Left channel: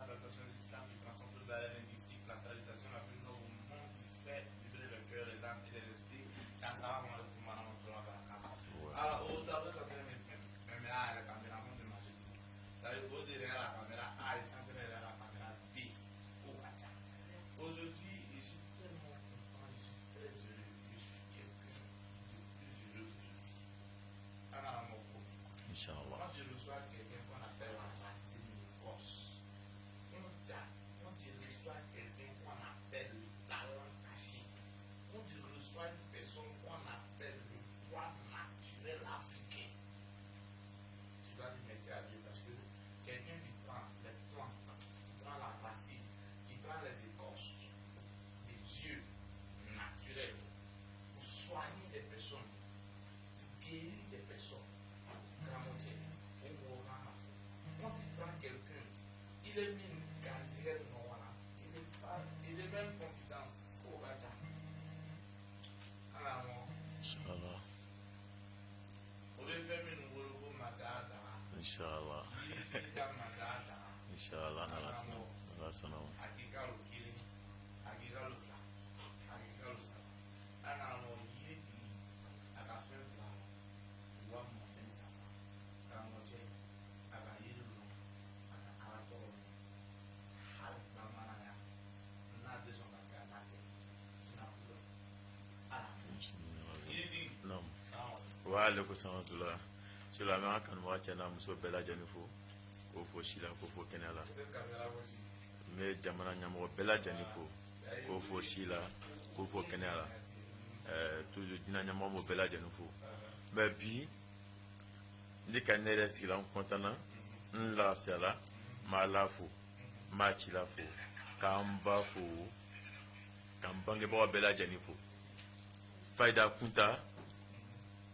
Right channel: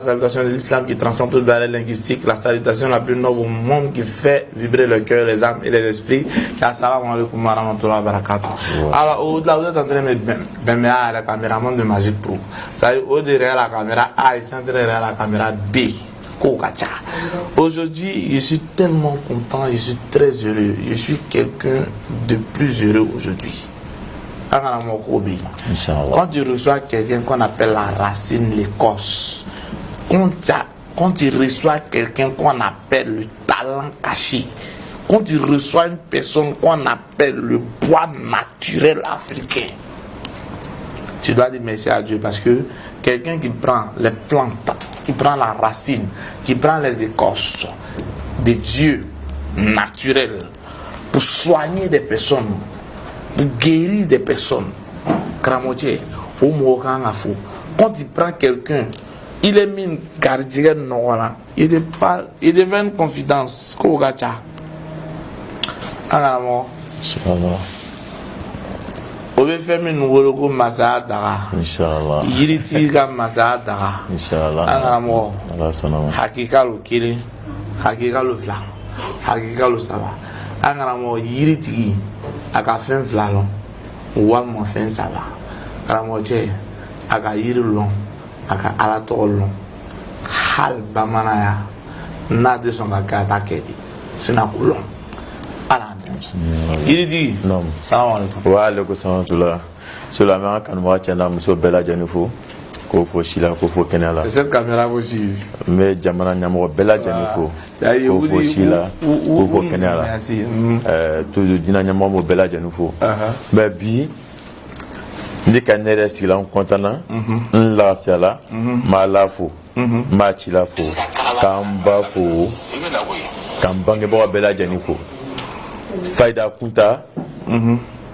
Salutation de l'islam qui transcende toute barrière linguistique, la salutation la plus noble au monde qui fait vibrer le cœur, les âmes et les esprits. Assalamu alaikum wa rahmatullahi wa barakatuh. Alors, au-delà, vous êtes en train de mettre la caméraman de Magic Pro. Ça veut dire, au derrière la caméra A, il est en train derrière la caméra B. Aujourd'hui, je suis tellement content, je suis très heureux. Je suis quelqu'un de plus heureux aujourd'hui. Quand tu reçois quelqu'un qu'on appelle la racine, l'écorce, quand tu reçois quelqu'un qu'on appelle le talent caché, quand tu reçois une personne qu'on appelle le bois naturel africain, tu dois dire merci à Dieu, parce que quelqu'un qui prend les plantes, qui prend la racine, qui prend les écorces des dieux naturels pour soigner des personnes, pour guérir des personnes, quand il prend quelqu'un, il est mis une gardienne, il devient une confidence. Alors, on veut faire une nouvelle massage d'ara. Inch'Allah. Yiriti ka massage d'ara. Inch'Allah. Alors, Allah sanama. hakika lo kiri, hakika lo fla, hakika lo saba. Alors, yiriti aka fen fla lo, walmo fen saba. Alors, je aka yiri lo. Aka ala tolo hal bamanaya na de son ka takedi sina kulon ala il dit non salam alaikum wa alaikum salam tula cela ma kan mo tiana muso bela janifo ko fo shila ko fo kenala c'est cette caméra aussi mais jamana nyamo bela janifo ko fo shila ko fo kenala toujours dina nyamo mo bela janifo mais bi ndi ka nere sila on kontana la fiala ma la fo ma ci la fo kamba fo kambange bo bela janifo faida kunta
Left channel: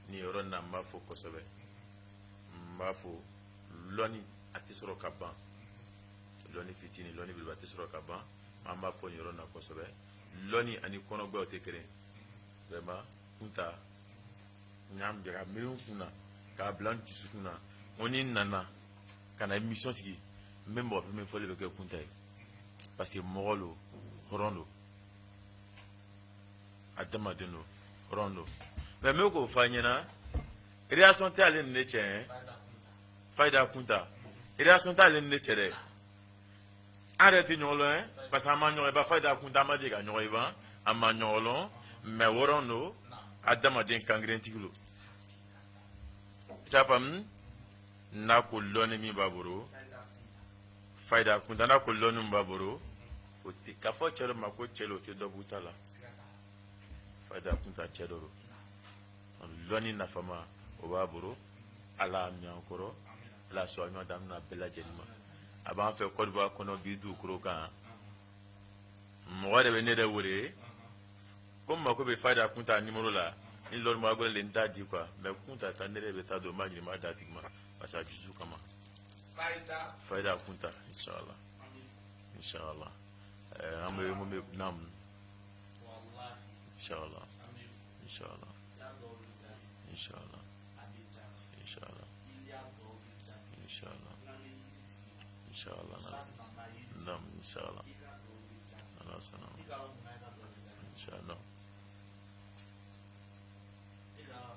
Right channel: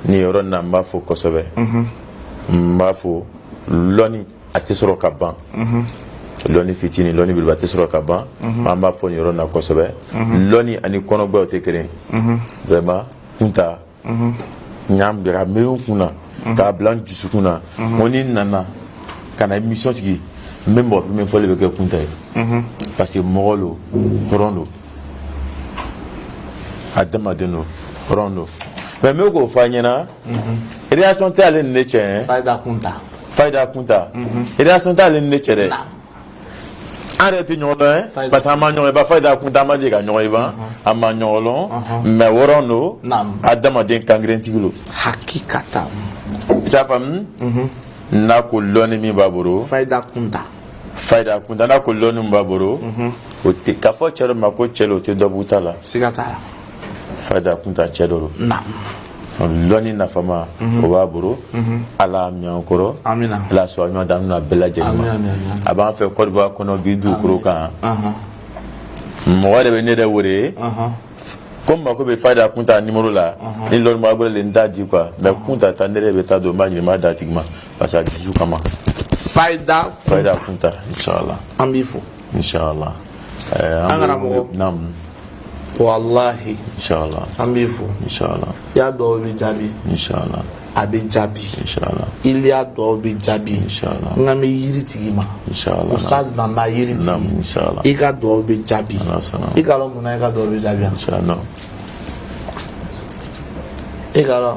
ni yoro na mafo kosobe mafo loni atisoro kaban loni fitini loni bilba atisoro kaban mama fo ni yoro na kosobe loni ani kono gbo te kere vraiment kunta nyam bira meun kuna ka blanc du sukuna moni nana kana émission sigi même bon même faut le que kunta parce que mogolo rondo adama deno rondo mais me ko fanyena réaction ta le neche faida kunta réaction ta le neche de arrêtez nyolo parce que amanyo ba faida kunta ma diga nyoy ba amanyo lo mais rondo adama den kangren tigulo hakikata sa femme na ko loni mi baburo faida kunta na ko loni mi baburo o te ka fo chero ma ko chelo te do butala sigatala faida kunta chero na loni na fama o baburo ala mi ankoro amina la so mi dan na bela jenima aba fe ko va kono bidu kuro kan mo wade be ne de wore comme ko be faida kunta numéro là ni lor ma gole nda di quoi mais kunta tandere be ta do ma ni ma datigma parce que disu kama faida kunta inshallah ambifo inshallah angara mo nam wallahi inshallah ambifo inshallah ya do bi jabi inshallah abi jabi inshallah il ya do bi jabi inshallah ngami yiritigima inshallah usaz mama yiriti nam inshallah ika do bi jabi ika lo muna ika do bi jabi inshallah ika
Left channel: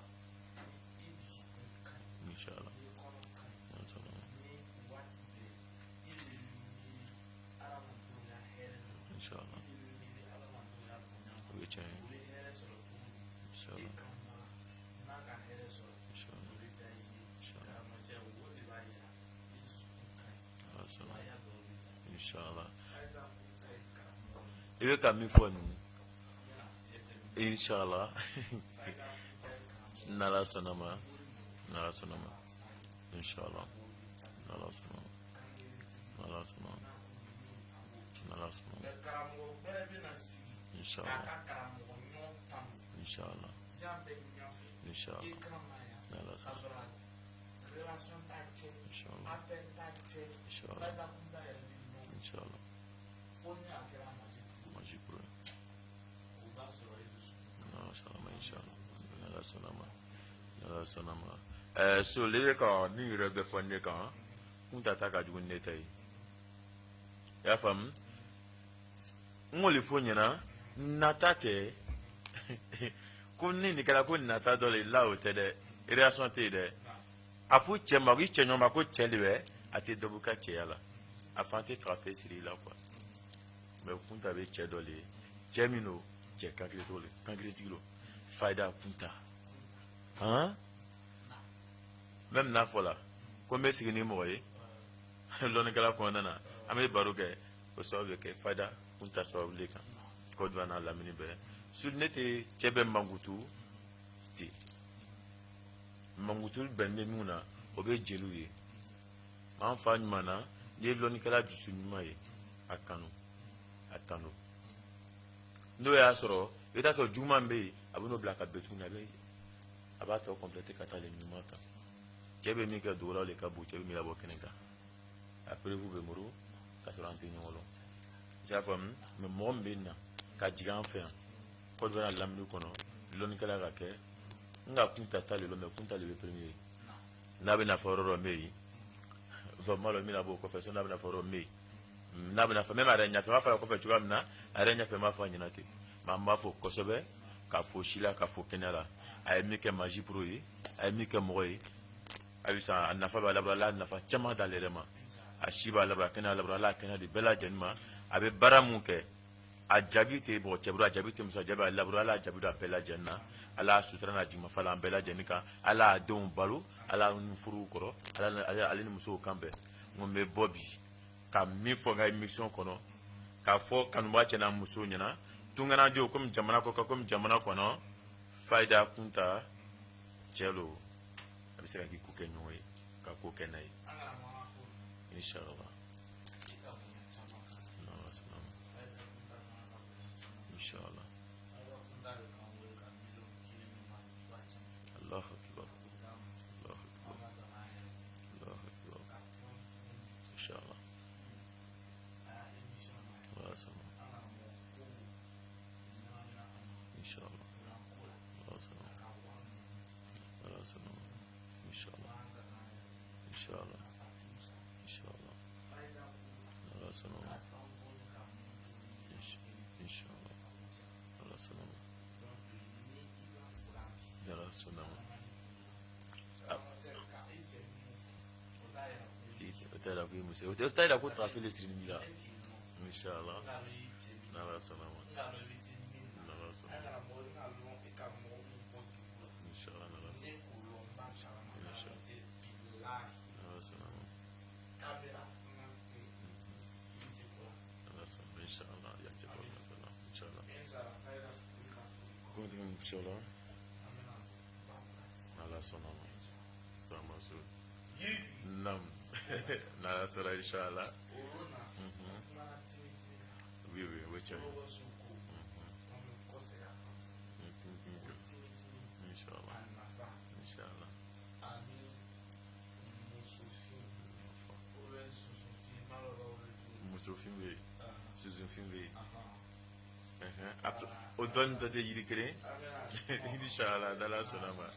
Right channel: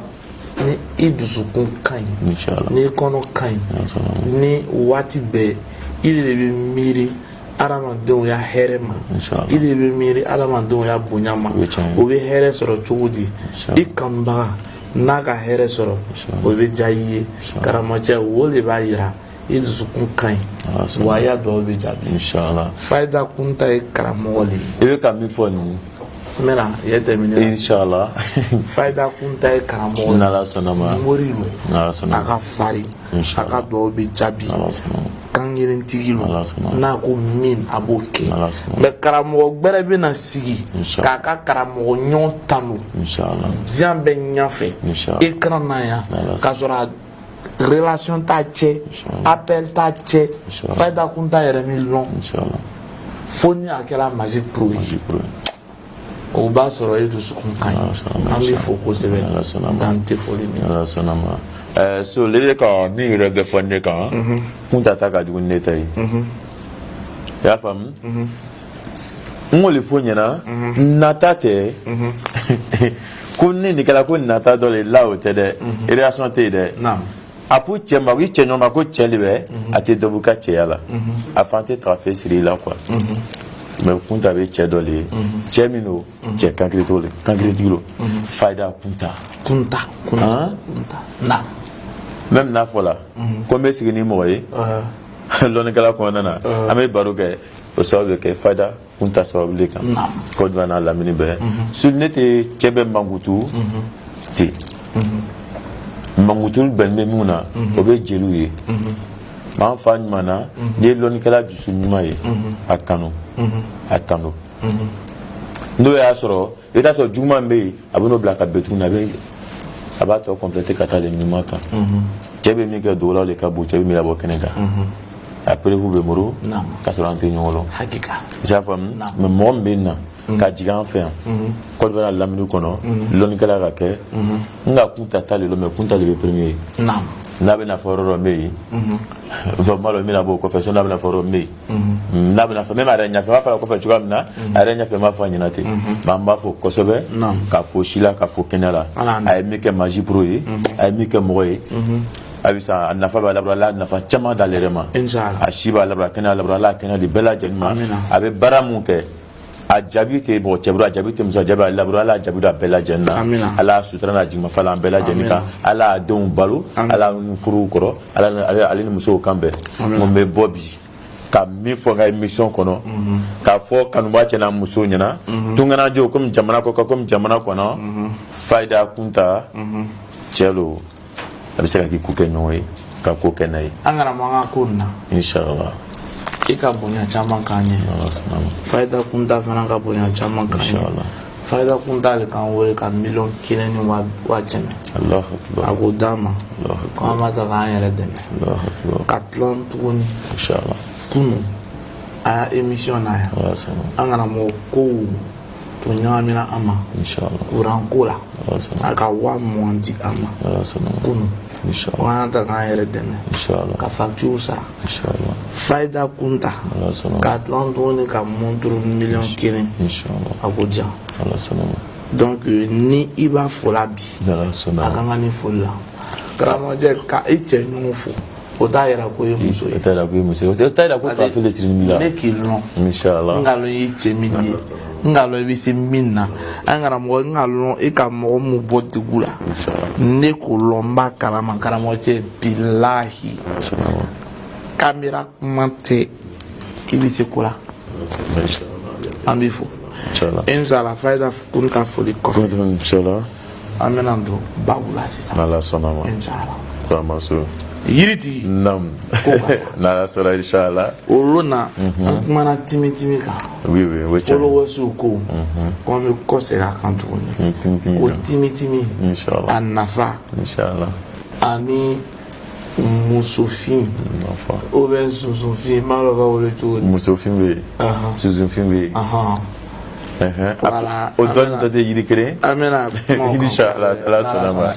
ni idusukun kan inshallah ni kono kan ni wati be il de bi miri adamadenw ya hɛrɛ ma i de bɛ miiri adamadenw ya bonya ma o bɛ hɛrɛ sɔrɔ cogo di i kanubaga n'a ka hɛrɛ sɔrɔ o bɛ diya i ye karamɔgɔcɛ o de b'a yira i dusukun ka ɲi wa y'a dɔw bɛ jaabi faida kunta ye karamɔgɔ le ye i bɛ ka min fɔ nin n bɛna ye tɛmɛnen inshallah faida kunta ye karamɔgɔ le n'ala sɔnna ma mori lo a ka farin a ka dɔw bɛ jaabi kangerentigi lo n'a ko min a b'o kɛ mɛ karamɔgɔ gbɛrɛ bɛ na sigi k'a ka karamɔgɔ ɲɔgɔn tanu diɲɛ bɛ ɲɛfɛ i kana na yan k'a sɔrɔ relation t'a cɛ appel t'a cɛ faida kunta yɛrɛ min lɔn fo ni a kɛra Magic Pro ye o b'a sɔrɔ e dusukun ka ɲi an b'i fo kosɛbɛ dan tɛ foli min so le ka ni yɛrɛ bɛ fɔ ne kan kun ta ka jugu ne ta ye y'a faamu ngo le fo ɲɛna nata tɛ ko ni nin kɛra ko nata dɔ le la o tɛ dɛ relation tɛ yen dɛ a fɔ cɛ ma i cɛ ɲɔgɔn ma ko cɛ de bɛ a tɛ dɔ bɔ ka cɛya la a fan tɛ taga fɛ siri la quoi mais kunta bɛ cɛ dɔ le ye cɛ min don cɛ kankiri t'o le kankiri tigi don fayida kunta na même n'a fɔ la ko n bɛ sigi ni mɔgɔ ye lɔnnikɛla kɔnɔna na an bɛ baro kɛ o sababu bɛ kɛ fayida kunta sababu de kan ko jumɛn n'a lamini bɛɛ su ne tɛ cɛ bɛ mankutu ten mankutu bɛn bɛ mun na o bɛ jeliw ye m'an fa ɲuman na n'i ye lɔnnikɛla dusu ɲuman ye a kanu a tando n'o y'a sɔrɔ i bɛ taa sɔrɔ juguman bɛ yen a bɛ n'o bila ka bɛn tuguni a b'a tɔ compléter ka taa le ɲuman kan cɛ bɛ min kɛ dogolaw de ka bon cɛ bɛ min labɔ kɛnɛ kan a preuve bɛ muru ka sɔrɔ an tɛ ɲɔgɔn dɔn i y'a faamu mais mɔgɔ min bɛ na ka jigin an fɛ yan Côte d'Ivoire lamini kɔnɔ lɔnnikɛla ka kɛ n ka kunta t'ale la mais kunta de bɛ premier ye n'a bɛna fɔ yɔrɔ dɔ bɛ yen n b'a dɔn n bɛna bɔ o kɔfɛ sɔnni n'a bɛna fɔ yɔrɔ min bɛ yen n'a bɛna fɔ même a yɛrɛ ɲɛfɛ n b'a fɔ a kɔfɛ cogoya min na a yɛrɛ ɲɛfɛ n b'a fɔ a ɲɛna ten mais an b'a fɔ kosɛbɛ ka fɔ si la ka fɔ kɛnɛ la a ye min kɛ Maji Pro ye a ye min kɛ mɔgɔ ye a nafa b'a labɔ Ala nafa caman d'ale yɛrɛ ma a si b'a labɔ kɛnɛ labɔ Ala kɛnɛ de bɛɛ lajɛlen ma a bɛ baara mun kɛ a jaabi tɛ bɔ cɛ bolo a jaabi tɛ muso jaabi a labɔ Ala jaabi da bɛɛ lajɛlen na Ala sutura n'a jigin fa la an bɛɛ lajɛlen kan Ala a denw balo Ala ni furuw kɔrɔ ale ni musow kan bɛɛ mun bɛ bɔ bi ka min fɔ n ka émission kɔnɔ k'a fɔ kanuba cɛ n'a muso ɲɛna tunkanajɛw komi jamana kɔ komi jamana kɔnɔ fayida kunta cɛ lo a bɛ se ka k'i ko kɛ ɲɔgɔn ye ka ko kɛ n'a ye an kana mankan ko nin na inshallah i ka bonya caman k'an ye fayida kunta fana ka bonya caman k'an ye fayida kunta le k'an wele ka 1,100,000 ni 100,000 a ko d'an ma ko an b'a ta k'an yɛrɛ dɛmɛ ka tilan tuguni kunu a y'a émission na yan an kana mɔgɔ kow to ɲagamina an ma kuran ko la a ka 20,000 di an ma kunu ko an ta k'an yɛrɛ dɛmɛ ka facture sara fayida kunta ka tilan tuguni ka montre 1,100,000 a ko diyan donc ni i b'a fola bi a kan ka ni foli la karamɔgɔjɛ ka i cɛ ɲɔgɔn fo o t'a yɛrɛ ko ye muso ye o t'a yɛrɛ ko ye muso ye o t'a yɛrɛ ko t'a fɛlɛ siri min la ne k'i lɔn inshallah n ka lɔn i ye cɛ min ye n ka lɔn i bɛ se min na an karamɔgɔ n ka lɔn i ka mɔgɔ mun bɔ degun la ne k'o lɔn n b'a kalama karamɔgɔcɛ bilahi kamera kuma tɛ i bɛ se ko la an b'i fo inshallah fayida kunta foli kɔfɛ an bɛna don babu la sisan inshallah yiritigi n'ala sɔnna inshallah olu na an kumana timi kan folowɛsiw ko ko an bɛ kɔsegin a kan tuguni ko timi a nafa ani musofin ou bien susufin n b'a dɔn b'a wele cogo di musofin bɛ yen susufin bɛ yen o dɔɔni tɛ yiri kelen inshallah ala sɔnna ma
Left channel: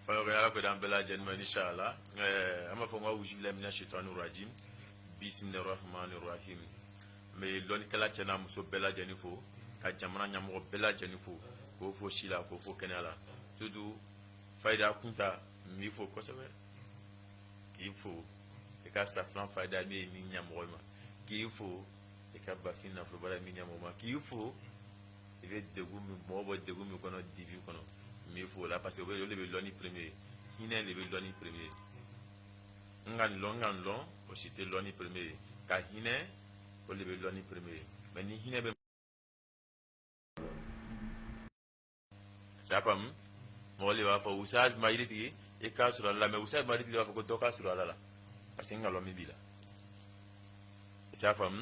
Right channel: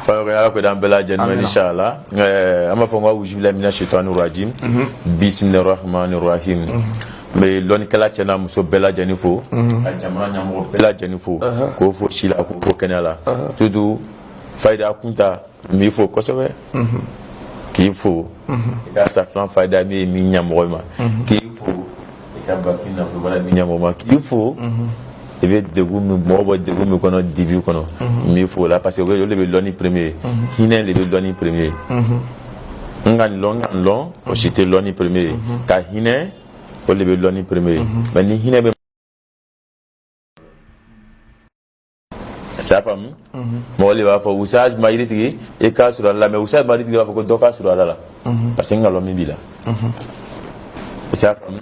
fa ala ko d'an bɛɛ lajɛlen inshallah an b'a fɔ ko awuzu billahi mina shaitani rajim bismillahir rahmanir rahim n bɛ lɔnnikɛla cɛ n'a muso bɛɛ lajɛlen fo ka jamana ɲɛmɔgɔ bɛɛ lajɛlen fo k'o fo si la k'o fo kɛnɛ la surtout fayida kunta n b'i fo kosɛbɛ k'i fo i ka safilan fayida min ye min ɲɛmɔgɔ ma k'i fo ka bafin nafolo min ɲɛmɔgɔ ma k'i fo i bɛ degun min mɔgɔ bɔ degun min kɔnɔ dibi kɔnɔ n b'i fo la parce que olu de bɛ lɔnni premier ye hinɛ de bɛ lɔnni premier ye n ka lɔn o si tɛ lɔnni premier ye ka hinɛ o de bɛ lɔnni premier ye mais ni hinɛ bɛ ça faamu mɔgɔ de b'a fɔ wusa mayiritigi i k'a sɔrɔ ala la mais wusa mayiritigi b'a fɔ ko dɔ k'a sɔrɔ ala la parce que n ka lɔn min b'i la ça faamu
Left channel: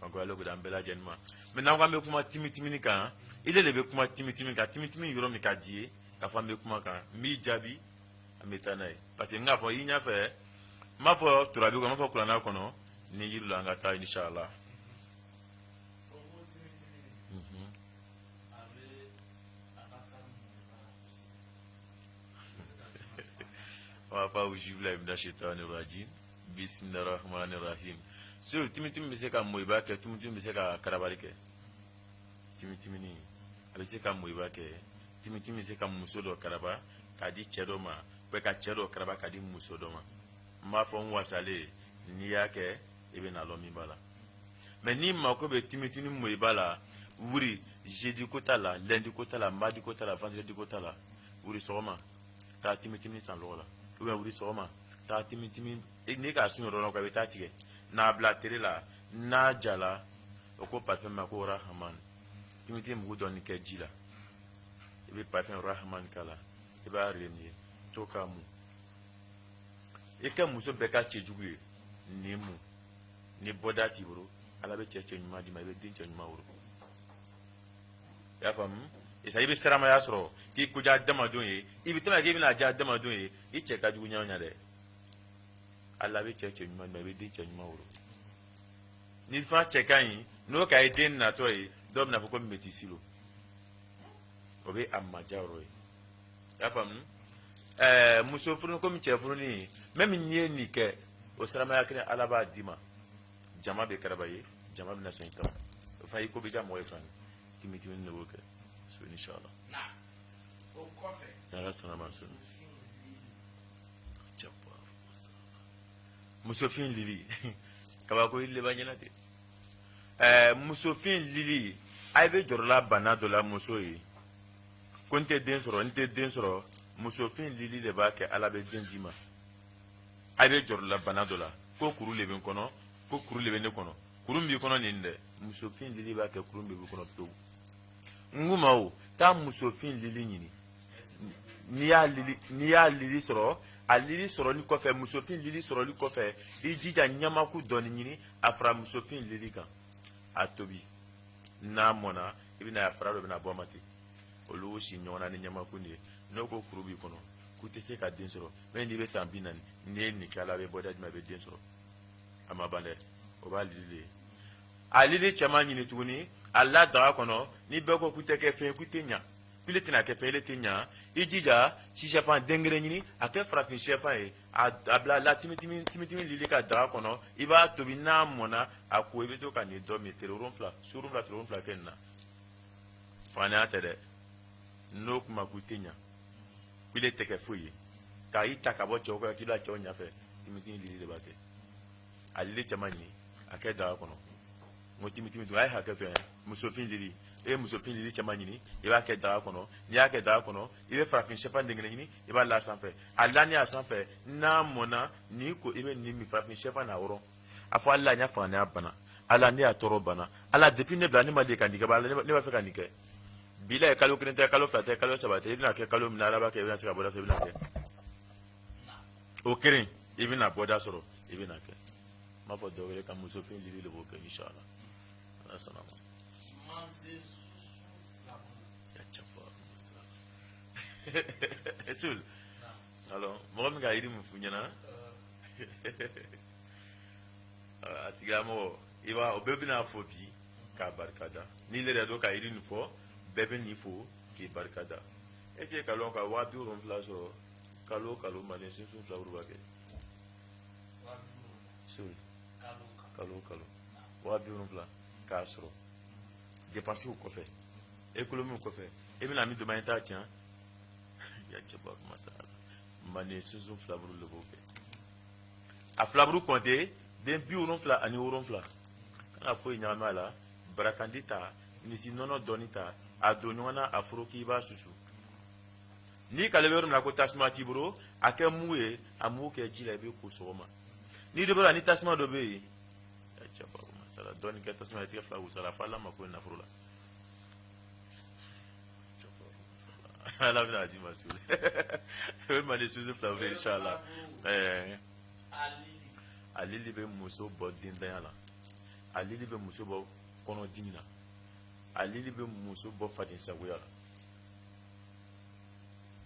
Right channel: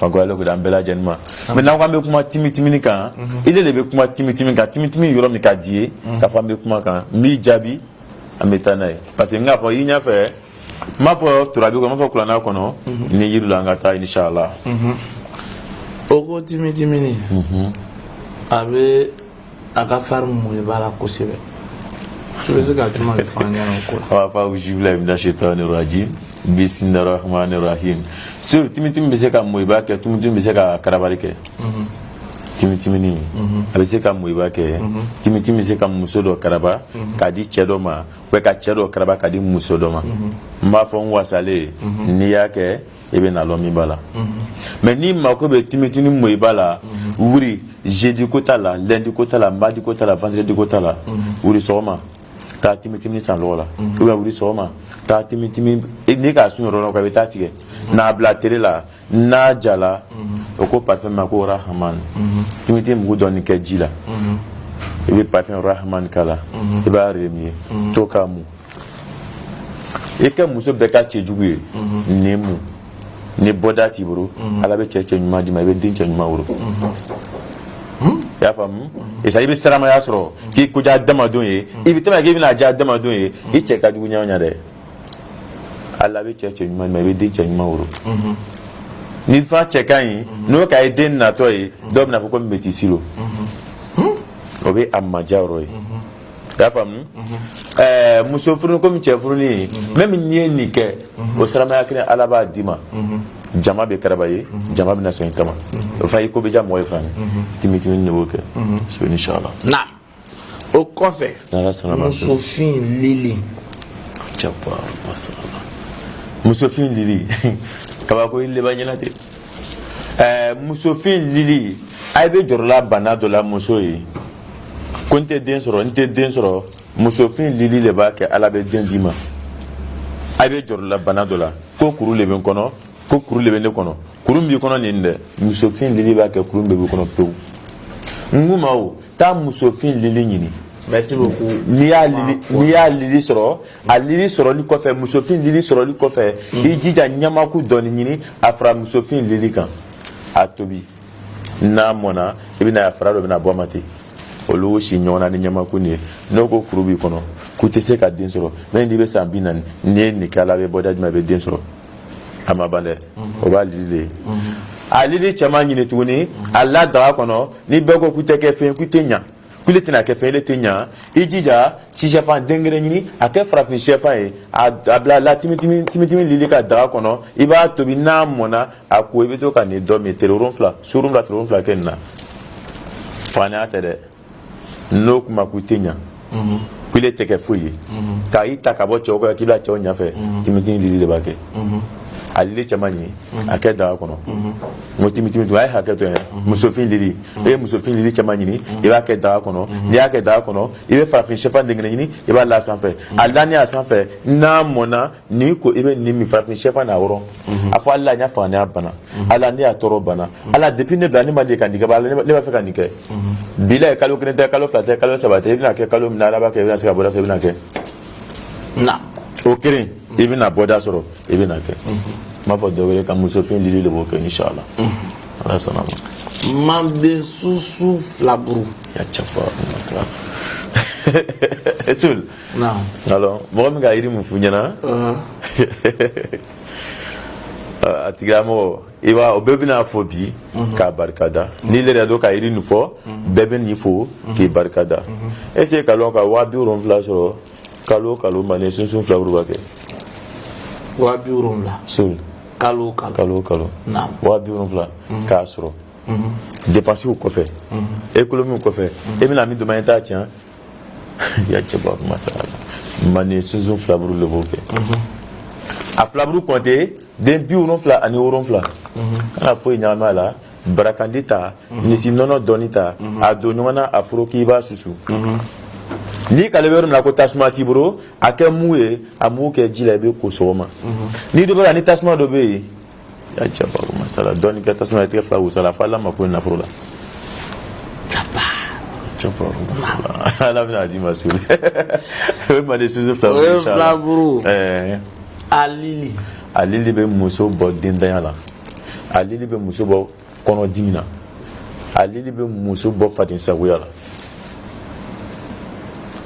donc ale ko d'an bɛɛ lajɛlen ma maintenant ko an bɛ kuma timi kan ile de bɛ kuma timi kan timi yɔrɔ min ka di ye k'a fɔ an bɛ kuma kan n b'i jaabi an bɛ taa n'a ye parce que n k'a fɔ i ɲɛfɛ n b'a fɔ turabi kɔnɔ n b'a fɔ kuranɛ kɔnɔ ni yiri la an ka taa inshallah o ko timi ni a bɛ a ka fari mun b'a la kosɛbɛ i bɛ se ka juma de fɔ an ɲɛna o ko la a b'a fɔ awuzu billahi mina shaitani rajim Bismillahirrahmanirrahim. Sur timitim be se ka moiba ke timitim be se ka karabali ke. Timitimini a be se ka moiba ke. Timitim be se ka muso do karaba ka di cɛ dɔ ma ou ka cɛ dɔ karaba ka di muso dɔ ma. M'a fɔ n wasale n'i y'a kɛ e bɛ na lɔn min b'a la. Mais ni mako bɛ timitini moiba la wuri jeudi ko t'a la lundi ko t'a la mardi ko t'a la vendredi ko t'a la wuri sɔgɔma taa timitimi san lɔgɔ la ou bien wuri sɔgɔma taa timitimi n'i k'a sun yɔrɔ dɔ kan i bɛ taa tigɛ n'a bila tere la n'a jala o ko parfum ma ko rahman timitimi mugu dɔɔni kɛ ji la i bɛ parfum rahman k'a la i b'a remuer to k'a mu i kɛ muso bɛɛ ka cɛjugu ye nin mu ni bɔda t'i bolo ala bɛ cɛ ɲuman d'i ma i bɛ den cɛ ɲuman wolo i y'a faamu et ça i bɛ siramaya sɔrɔ k'i ko diya adamadenw ye i bɛ tɛmɛ k'i bɛna diya adamadenw ye i cɛ ka jugu ɲɔgɔn dɛ ala bɛ cɛ ɲuman d'i ma i bɛ den cɛ ɲuman wolo ni fɛn cɛ ka ɲi n'o ka ye den natɔ ye dɔw bɛna fɔ ko métis lo o bɛ a maja yɔrɔ ye i y'a faamu muso furu komi cɛ furuni même n'i ye nin kɛ o siramaya kelen ala b'a d'i ma jama bɛ karaba ye jama bɛna sɔn i kama o fana i ko bɛ diya mɔgɔ ye fana timitimi de b'o kɛ so inshallah na o kɔfɛ musofin lili cɛpa masala musofin lili kabako i laban ɲɛna ten musofin lili a bɛ jɔrɔla bana dɔ la muso ye ko n tɛ den sɔrɔ musofin lili de b'a kɛ ala bɛ den d'i ma a bɛ jɔrɔla bana dɔ la ko kuru de bɛ n kɔnɔ ko kuru de bɛ ne kɔnɔ kuru min b'i kɔnɔ nin dɛ musofin lili b'a kɛ kuru min b'i kɔnɔ pewu n ko ma o taa musofin lili ɲini merci beaucoup n'i y'a lili sɔrɔ a lili sɔrɔli kɔfɛ musofin lili sɔrɔli kɔfɛ i jija ɲamaku dɔɔni ɲini a fara musofin lili kan a tobi n'a mɔna i bɛna a fara dɔ bɛna bɔ a ma ten olu si ɲɔgɔn na ni ɲamaku nin ye n'o ko kuru b'i kɔnɔ k'u tɛ se ka den sɔrɔ même n'i bɛ san 40 n'i ye nin kɛ ala bɛ bɔda jumɛn i bɛ den sɔrɔ a ma ban dɛ o b'a lili de ye a lili cɛman ɲini tuguni a la daga kɔnɔ ni bɛɛ ko k'u tɛ kɛ fɛn k'u tɛ ɲa k'ule tɛna kɛ fɛn ele tɛ ɲa i jija si sɛfan den kelen ɲini a kɛ farafin sɛfan ye a bila la timitimi lili ka daga kɔnɔ i b'a tobi n'a mɔna a ko i bɛ to ka nin dɔ min tere 7 su 7 tere 7 kɛ nin na faniya tɛ dɛ n'o kuma k'u tɛ ɲa k'ule tɛ kɛ foyi ye k'a ta ka bɔ cɛw kɔ k'i bila cɛw ɲɛfɛ timitimi lili de b'a kɛ a lili cɛman ɲi a kɛ daga kɔnɔ n ko timitimi a ye hakɛ to yan musofin lili e ye musofin lili cɛman ɲini i b'a kɛ daga kɔnɔ n'i y'a kɛ daga kɔnɔ i bɛ farafin sɛfan den kelen ɲini i b'a la sanfɛ a lani a sanfɛ n'a mɔna n'i ko i bɛ nin min farafin sɛfan n'a wɔrɔ a fɔ ala n y'a faga ne y'a bana ala ne y'a tɔɔrɔ bana ala depuis ne bila ne ma deli ka nin kɛ ne b'a fɛ ka nin kɛ bi la ye kalo 1 tɛ kalo 2 tɛ kalo 3 tɛ i bɛna kɛ kalo min na ala b'a kɛ i bɛna se ka bɔda sɔrɔ i bɛna kɛ na o kelen i bɛna bɔda sɔrɔ i bɛna kɛ m'a fɔ dɔ wɛrɛ ka musofin lili de b'o kɛ inshallah ala sɔnna ma manden susu filaburu ya cɛfa masala esul na alors mɔgɔ min ka yiri mun f'u ɲɛna a tigilamɔgɔ i b'a o bɛɛ bɛna fɔ bi k'a barikada n'i yɛrɛ dɔn ka yiri nin fɔ bɛɛ bɛ nin fɔ k'i barikada est ce que ka lɔn ka 70,000 sɔrɔ kalo o kalo manden sunsun filaburu b'a kɛ 70,000 sul kalo kalo 70,000 k'a sɔrɔ dépenses kɔfɛ économie kɔfɛ e bɛna min dɔn i t'a tiɲɛ ya cɛba masala manden sunsun filaburu de b'o kɛ a filaburu compté den 77 kana foyi ɲagami a la barakandi ta misi nɔnɔ dɔɔni ta a don ɲɔgɔn na a foro k'i b'a susu n'i kale yɔrɔ min na ko tasuma t'i bolo a kɛ mu ye a mugu kɛ ji la i bɛ ko sɔgɔma n'i dɔ bɛ la ni tasuma dɔ bɛ yen ya cɛba masala dɔɔni kɛ tasuma ye tigɛ fila wusa la fo ala ma ko nafolo la cɛba masala ala bɛna d'i ma so o ye manden susu filaburu a lili bɛ muso bɔ dentanya la a lili bɛ muso bɔ kɔnɔdimi na a lili bɛ muso bɔ fadensagoya la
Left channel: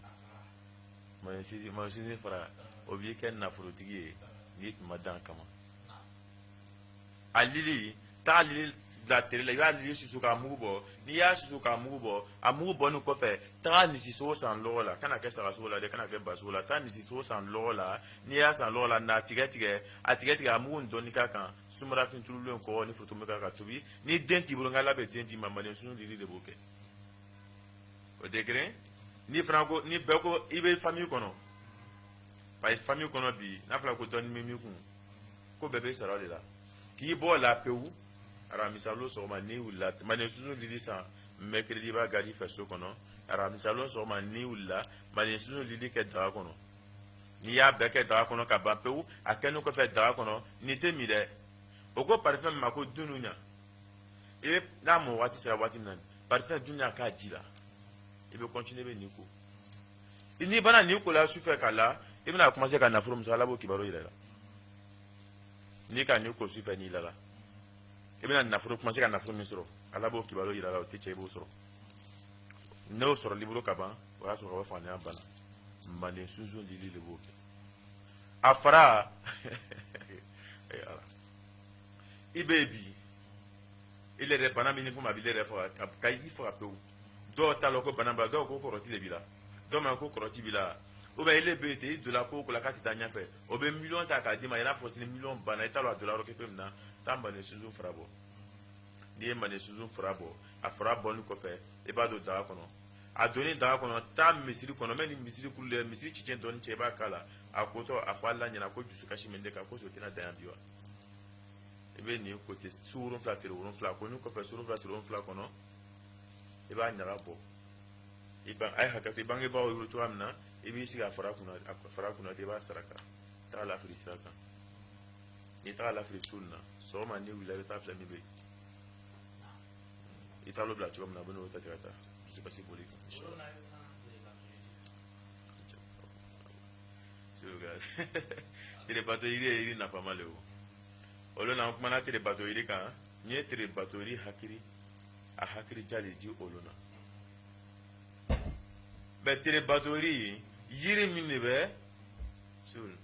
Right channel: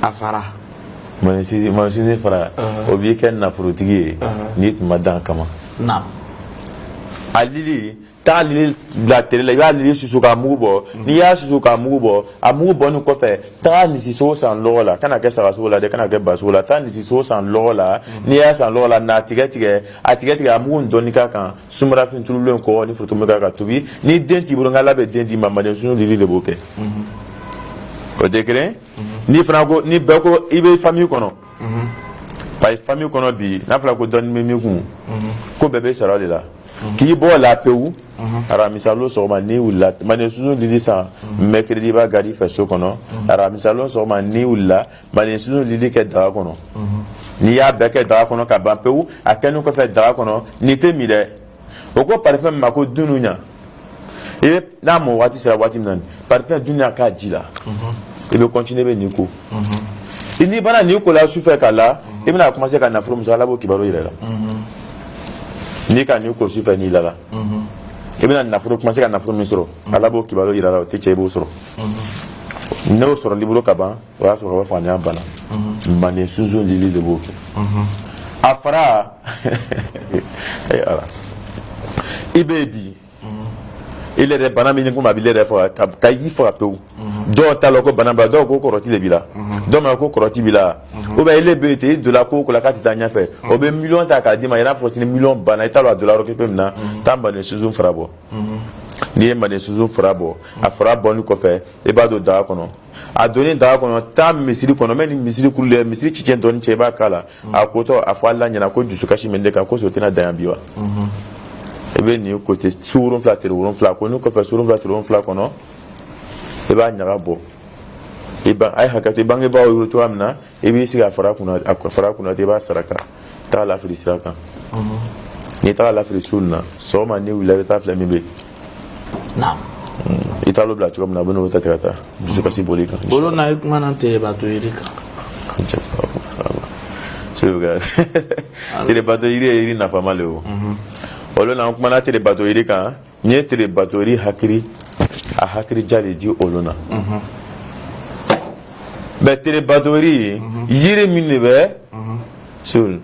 a fara mansinsin fara o b'i kɛ nafolotigi ye n'i tun ma dan kama a lili ta li la télé la ya li susu ka mugu bo ni ya susu ka mugu bo a mugu bo nu ko fe ta ni si so san lo la kana ke sa so la de kana ke ba so la ta ni si so san lo la ni ya san lo la na tige a mugu ndoni ka kan sumara fin tulu ko ni foto me ka tubi ni denti buru ngala be denti mama de sunu li le boke o dekre ni franco ni beko ibe famille kono pa famille kono bi na fla ko don mi kun ko bebe sara de la ki bo la peu ara misalo so ma ni wala mane suzu lidi sa mercredi ba gadi fe so kono ara misalo so ma ni wala mane suzu lidi ke da kono ni ya beke da kono ka ban peu akenu ko fe da kono ni te mi de o ko parfum ma ko dununya e na mo wati sera wati nan parfum dununya ka jila e be continuer be ni ko ini bana ni ko la su fe kala e bena commencer ka na furu musala bo kibaro ire la ni ka ni ko su fe ni la e bena na furu commencer ka na furu misro ala bo kibaro ire la te che bo soro no soro libro ka ban wa soro wa fa ni bana mane suzu lili de bo afara e ala ibebi il est bana mi ko ma bi le fo ka yi fo ape do ta lo ko bana ba do ko koroti le bila do ma ko koroti bila o ba ile be te de la ko la kati tanya fe o be million ta ka di ma ira fo ni million bana ta lo dollar ko pe na tamba ne suzu frabo ni e ma ne suzu frabo a frabo ni ko fe e ba do da kono a donné da kono ta misiri kono men misiri kule misiri chichen don che ba kala a ko to a fa la nyana ko jusu kashi mende ka ko so tena da biwa ebe ni côté surun flatter urun fla ko ni ko fa surun flatter urun fla kono e ba nyaga bo e ba ay hakati bangi ba o to amna e bi siga fara kuna te ba saraka ta la fri saraka ni ta la fri sunna so ma ni wila ta fla mi be naam italo bla chom na bono ta tata je pas si bolika bolo na ik manante ba to irika tele bato iri na fama leo olo na kumana tele bato iri kan nye tele bato iri hakiri a hakiri jali di olona be tele bato iri yiri minne be sul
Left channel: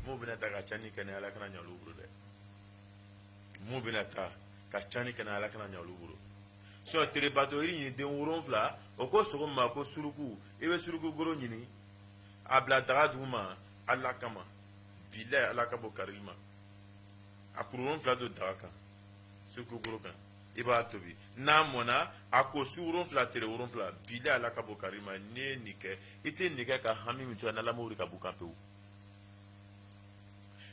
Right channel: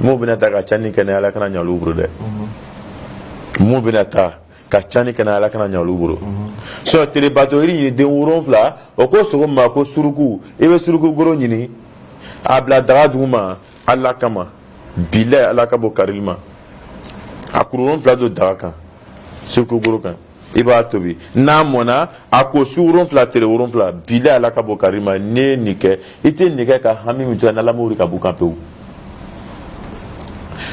mo bina ta ka chani kana ala kana nyalu bro de mo bina ta ka chani kana ala kana nyalu bro so tele bato iri de woron fla o ko so ma ko suruku e be suruku goro nyini abla daga duma alla kama bila alla kabo karilma akuron flado daga kan suruku goro kan iba tobi na mona ako suron fla tere woron fla bila alla kabo karilma ne nike ite nike ka hami mitu na la mori ka bukan peu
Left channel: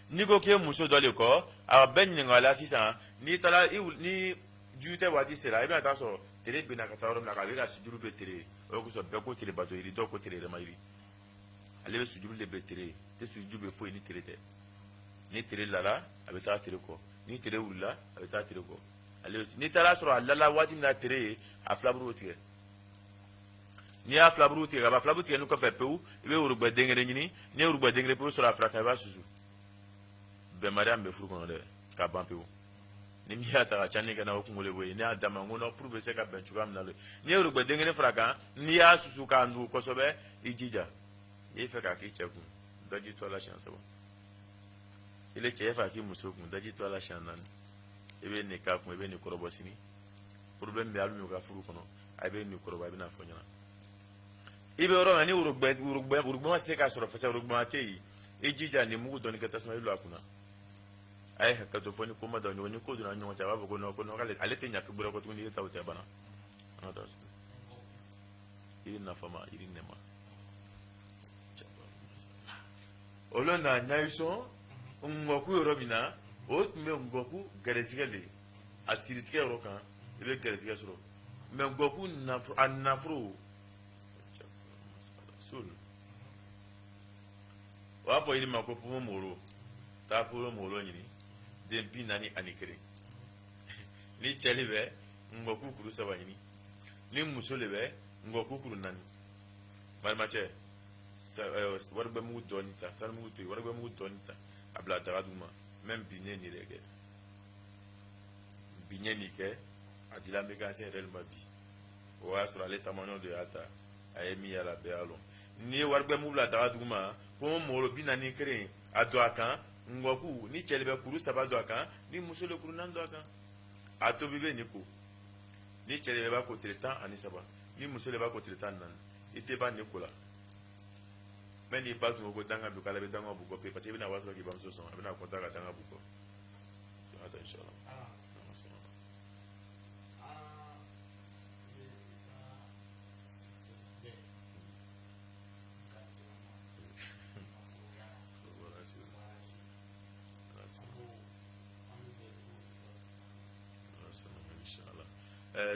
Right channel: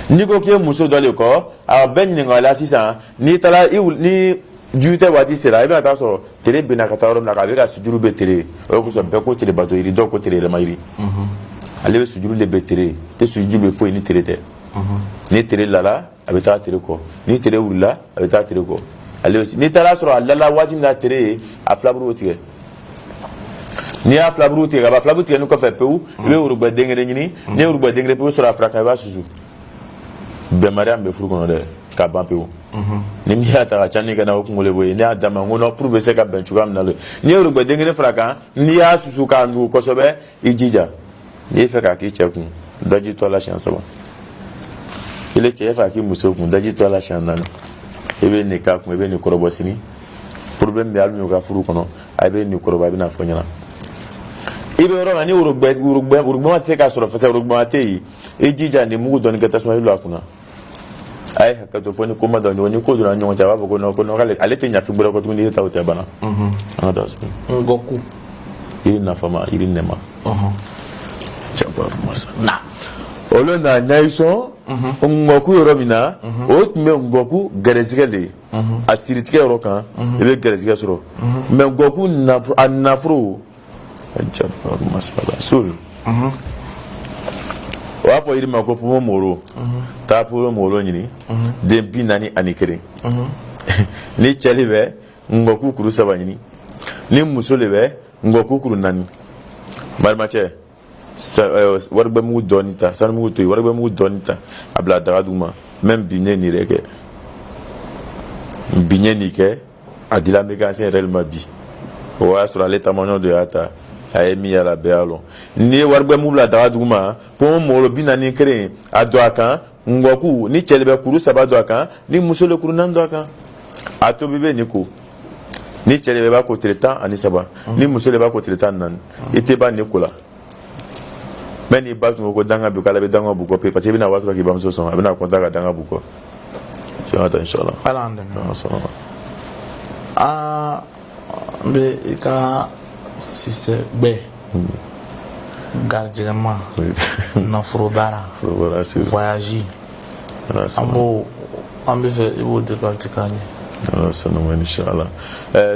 niko ke muso dole ko a ben ni ngala sisa ni tala ni jute wadi sera iba ta so tere bina ka tawro na ka be ka sujuru be tere o ko so be ko tere bato iri do ko tere le mayiri ale be sujuru le be tere te sujuru be fo ni tere te ni tere lala abeta tere ko ni tere wula abeta tere ko ale ni tala so lala wadi na tere a flabru otige ni a flabru otige ba flabru otige no ko fe peu be urugba dengere nyini ni urugba dengere peu so la fraka ba susu be mariam be furu kono de ka ban peu ni mi ata ka chani kana ko ngole boye ni adama ngono prouver se ka ben chuga mnalo ni urugba dengere fraka ni a susu ka ndu ko so be ijija ni fe ka ki cheku daji to la chance ba ile che fa ki muso kun daji to la chance nan ebe ni ka kun ebe ni korobo sini problem be alu ka furu kono abe ni koroba bi na fonyana ibe ro mani urugba se ka soro fa urugba te yi ejija ni mugu don ka tasma ilu akuna ay hakato foni ko ma don ni ko dura nyon ja ba ko no ale te nya fi bura ko tun ni ta o te bana ana da so ngoku iri na fama iri nema chapa masa na olo na nyaiso ngoku romina o me ngoku gerezigele asiritike rokan ebe gerezige soro me ngoku na anafro chapa masa sul wa fo iri mako pumo moro ta pumo moro nyini de binani anikere ni chelibe ngoku kuru saba nyini ni musolebe ngoku kuru nani malmache warbe mu donita san mu to warbe mu donita abla daga duma même biné ni reke biné ni ke adila mécanicien réellement bi wa sur l'état mono de ata ayemi ya la bealo ni warbe mu bla daga duma po mo binani kere ado akan ngoku ni chelebe kuru saba do akan ni musole kuru nan do akan a to bɛ ni ko ni cɛ de b'a ko tile 10 ani 3 ni muso de b'a ko tile 14 i tɛ ban ni ko la mais ni ba tun ko danga bi kala bɛ danga bu ko parce que bɛna waati k'i bamuso sɔn a bɛna compter ka danga bu ko inshallah n bɛ i ka sisɛ gbɛ garijɛgɛma nafolo baara voyage an bɛ fɛ i b'o décortiquer k'a ɲɛ. sanama inshallah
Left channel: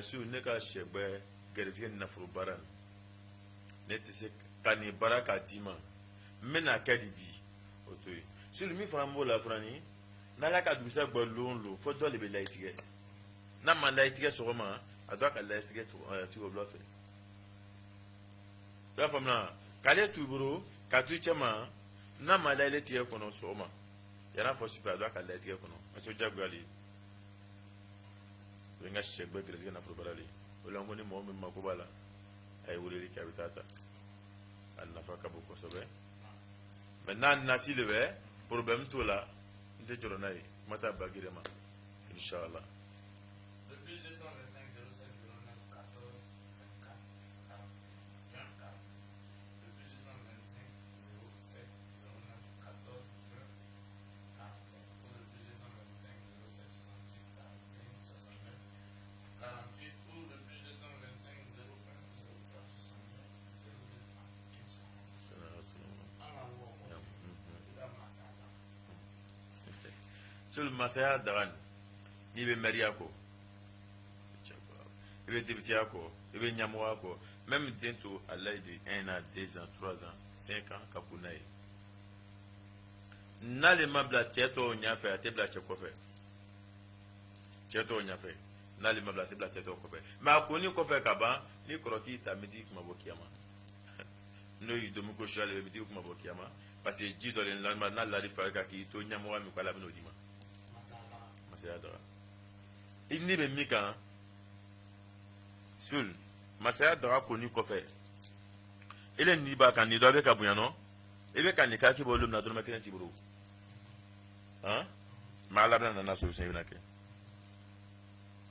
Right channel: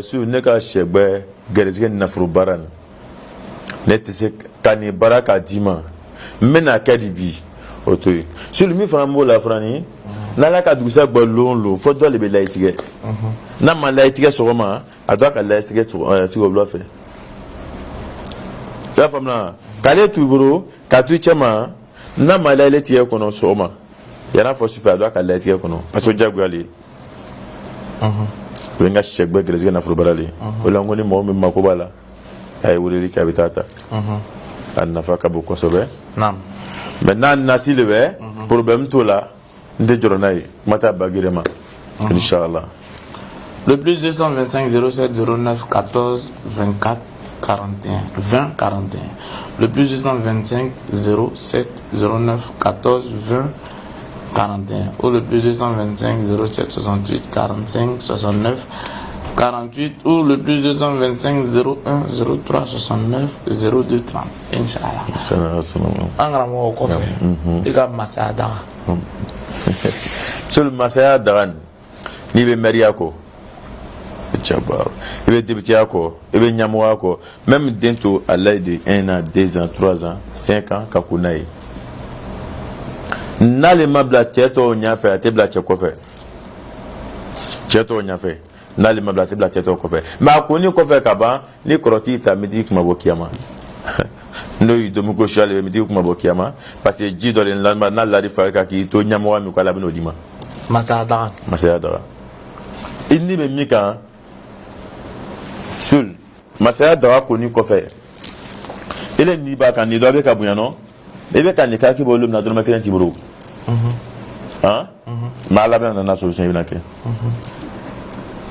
su ne ka sɛ gbɛ garijɛgɛ nafolo baara nin ne tɛ se ka nin baara k'a d'i ma n bɛna kɛ di bi o to yen sulu min fana b'o la fana ni n'ala ka dugusɛ gbɛ lon fo dɔ de bɛ layi tigɛ n'a ma layi tigɛ sɔgɔma a doit ka layi tigɛ wula fɛ i y'a faamuya k'ale t'u bolo k'a to i cɛ ma n'a ma layi tigɛ kɔnɔ sɔgɔma yan'a fɔ sufɛ a doit ka layi tigɛ kɔnɔ parce que o diyagoya le o ye n ka sɛ gbɛ garijɛgɛ nafolo baara le o la n ko ni mɔgɔ min mako b'a la a ye weleli kɛ a bɛ taa ta a nafa ka bon kosɛbɛ mais n'a nasi le bɛ problème t'o la n tɛ jɔrɔ n'a ye kuma t'a bagere ma inchallah. Le plus 225 07 09 14 24 41 20 41. Le plus 225 07 09 14 20 41 ou le plus 225 07 68 45 69 48 ou le plus 225 01 03 69 02 30. Inch'Allah. An karamɔgɔ kɔfɛ i ka masaya daga. Sur le masaya daga n'i bɛ mɛriya kɔ i bɛ débutiya kɔ i bɛ ɲɛmɔgɔya kɔ même den to a l'âge de 1 an 2 ans 3 ans 5 ans ka ko n'a ye n'ale ma bila cɛ tɔw ɲɛfɛ a tɛ bila cɛ kɔfɛ cɛ tɔw ɲɛfɛ n'ale ma bila a tɛ bila cɛ tɔw kɔfɛ mais a ko ni kɔfɛ ka ban ni kɔrɔtigi ta midi kuma bɔ kiyama n'o y'i domi ko su ale midi kuma bɔ kiyama parce que ji dɔ de lamɛn n'a ladi fari kan k'i to ɲɛmɔgɔ min kɔ ala bɛ n'o d'i ma. masaya daga i ni bɛ min kan sul masaya daga ko ni kɔfɛ ele ni b'a kan ni dɔ bɛ ka bonya nɔ i bɛ ka nin k'a k'i bolo min na dɔrɔmɛ 1 t'i bolo mais ala bɛ nana solution i bɛna kɛ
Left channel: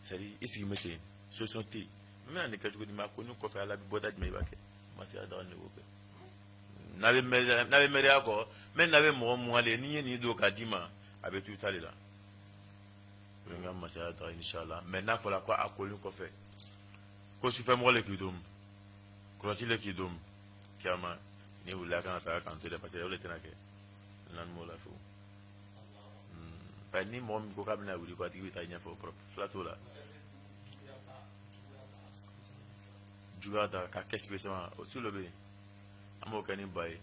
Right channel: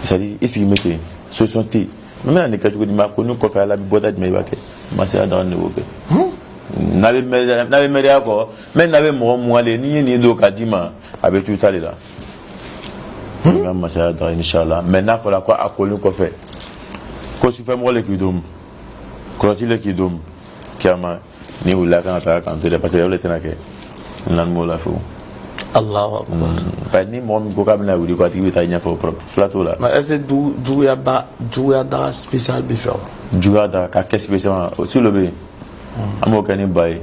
c'est à dire i sigi bɛ ten solution tɛ yen mais n bɛna nin kɛ cogo di mais a ko ni kɔfɛ ala bɛ bɔta jumɛn i b'a kɛ masaya daga de b'o kɛ n'a bɛ mɛriya kɔ mais n'a bɛ mɔgɔ mun ale n'i ye nin don k'a d'i ma a bɛ to i ta de la n ka masaya daga inshallah mais n'a fɔra ko a kolen kɔfɛ ko sufɛmɔgɔ le k'i domu kɔrɔti le k'i domu kiyama ni wulila kan ka taa k'an to dɛ parce que o de tɛna kɛ n lamin b'o la fewu. Allahu akbar. Parce que ni mɔgɔ min ko k'a bɛna wuli ko a tigi bɛ taa ɲɛfɛ fila t'o la. mais est ce que juguya daga spécial bɛ fɛ wa. juguya daga k'a kɛ spécial o si lo bɛ yen an b'o kɛ ni ba ye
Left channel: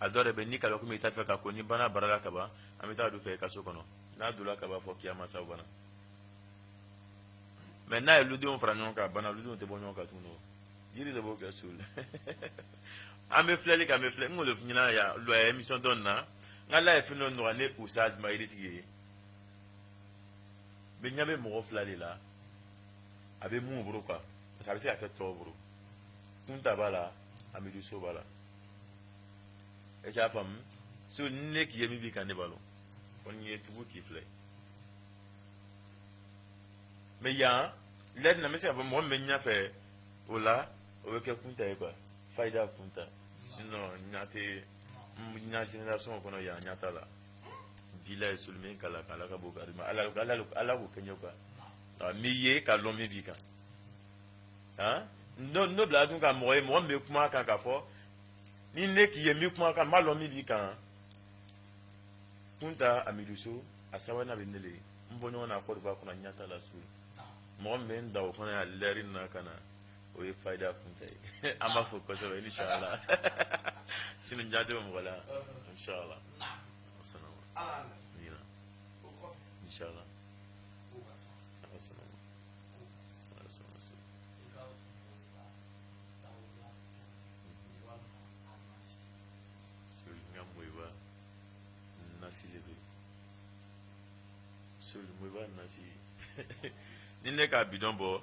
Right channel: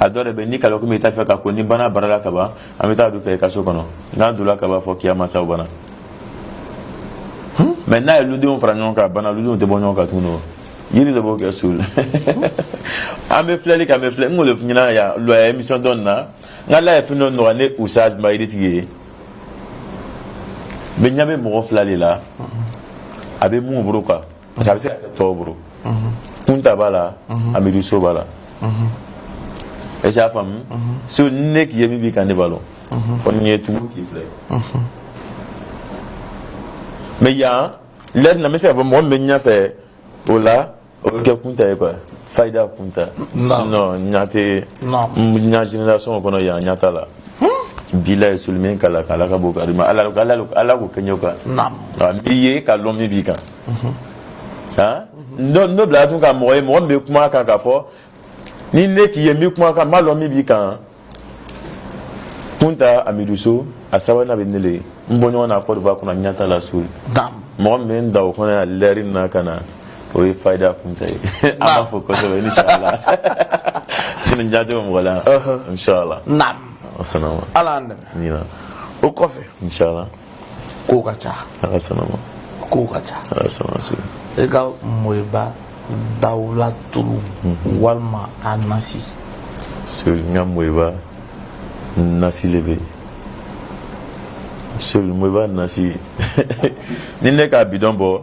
a dɔ de bɛ ni kalo komi i t'a fɛ ka ko ni bana bara la ka ban an bɛ taa don fɛ i ka so kɔnɔ n'a donna ka b'a fɔ kiyama saw bana mais n'a ye ludenw fara ɲɔgɔn kan bana ludenw tɛ bɔ ɲɔgɔn kan tuguni o yiri de b'o kɛ so la an bɛ filɛli kan an bɛ filɛ n k'o de f'i ɲɛna yan émission dɔ nin na n ka ala ye fɛn dɔ nɔgɔya ne Usaz ma yiritigi ye mais ɲɛ bɛ mɔgɔ fila de la a bɛ mun bolo quoi parce que a bɛ se ka kɛ tɔw bolo Kunta b'a la Amidu So b'a la est ce que a faamu so ne k'i ye min b'i kan ne b'a dɔn fɔ ni ye tugu k'i filɛ mais yan lɛri na n bɛ se ka fɔ mɔgɔ min bɛ ɲɛfɛ o la o bɛ kɛ Kunta ye quoi Fayida Kunta sinon ɲa tɛ ɲa génération kɔnɔ yan ɲa t'a la bila ye soli min kala k'ala ka bɔ kari ma ala k'o kɛ ɲɛ kan n'i ye ka lɔn min b'i kan n'o bila tun ka mɔgɔ ye mɔgɔ min bɛ kuma kan k'a fɔ ni ne k'i ye n bɛ kuma kan n b'a lɔn min b'i kan Kunta Amidu So a sabanan bɛ ne le n bɔ ɲɔgɔn na Côte d'Ivoire kɔnɔ ɲa t'a la soli mɔgɔ min bɛ n da o kɔnɔ yan lɛri na ka na o ye Fayida Kunta ye an b'a fɔ kosɛbɛ inshallah sini jaajo mɔgɔ la inshallah asanama ala an dɛmɛ o kɔfɛ inshallah kow ka ca asanama kow ka ca asanama e ka mɔyiba dawula tulu walima a nasi soli n ka mɔyiba nasi le bɛ soli mɔyiba nasi ni ne ka bidɔn bɔ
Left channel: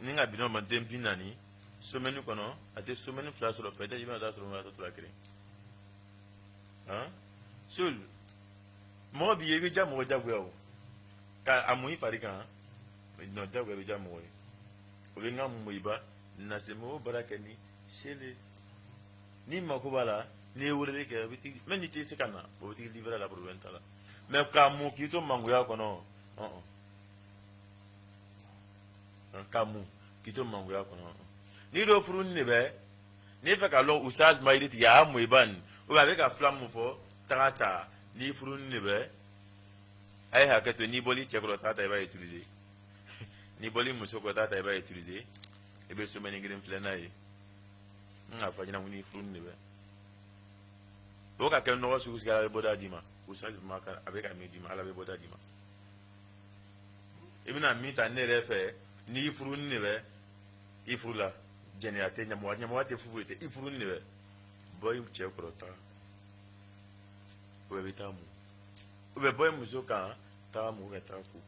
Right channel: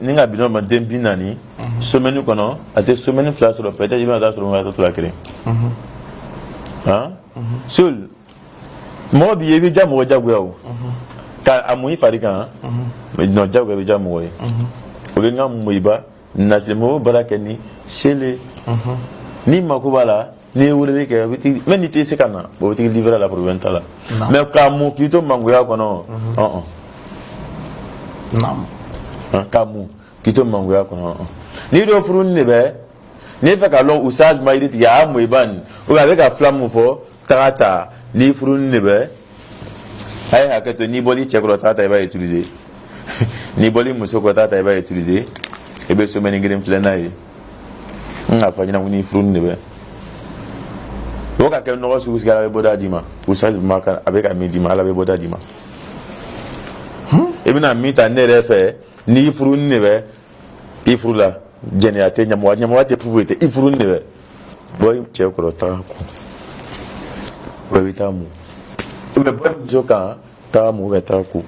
ni ka bidɔn bɔ den 40 semaine kɔnɔ a tɛ semaine 2 sɔrɔ peut-être i bɛna taa sɔrɔ n ka to la kelen sol mo bi yebi jamu jagwe o ka amuyi farika no jagwe bi jamu o ole nga mu iba nasimo barakeni shele ni makubala ni wulele ke mais ni te sekana bo ti livrer la proventa la mais ka mu kito mangoya kono non ka mu kito mangoya kono ni do furun ne be ni fa ka lo usaz maïdit ya mu iban o avec a flamme fo tata ni furun ne be ay haketo ni boli chekro tata va utiliser ni boli musoko tata va utiliser e be so meni ngirim flenayi nga fanyina ni furun ne be o ka ke no su usgala be boda dima usaz maka avec a midi mala be boda dima e bina mita ne refe ni furun ne be ifrula jeniate nyamwa te pouvoir te ifrun ne be boy chekro ta ko witamu ube boy mzoka ta mu beta ku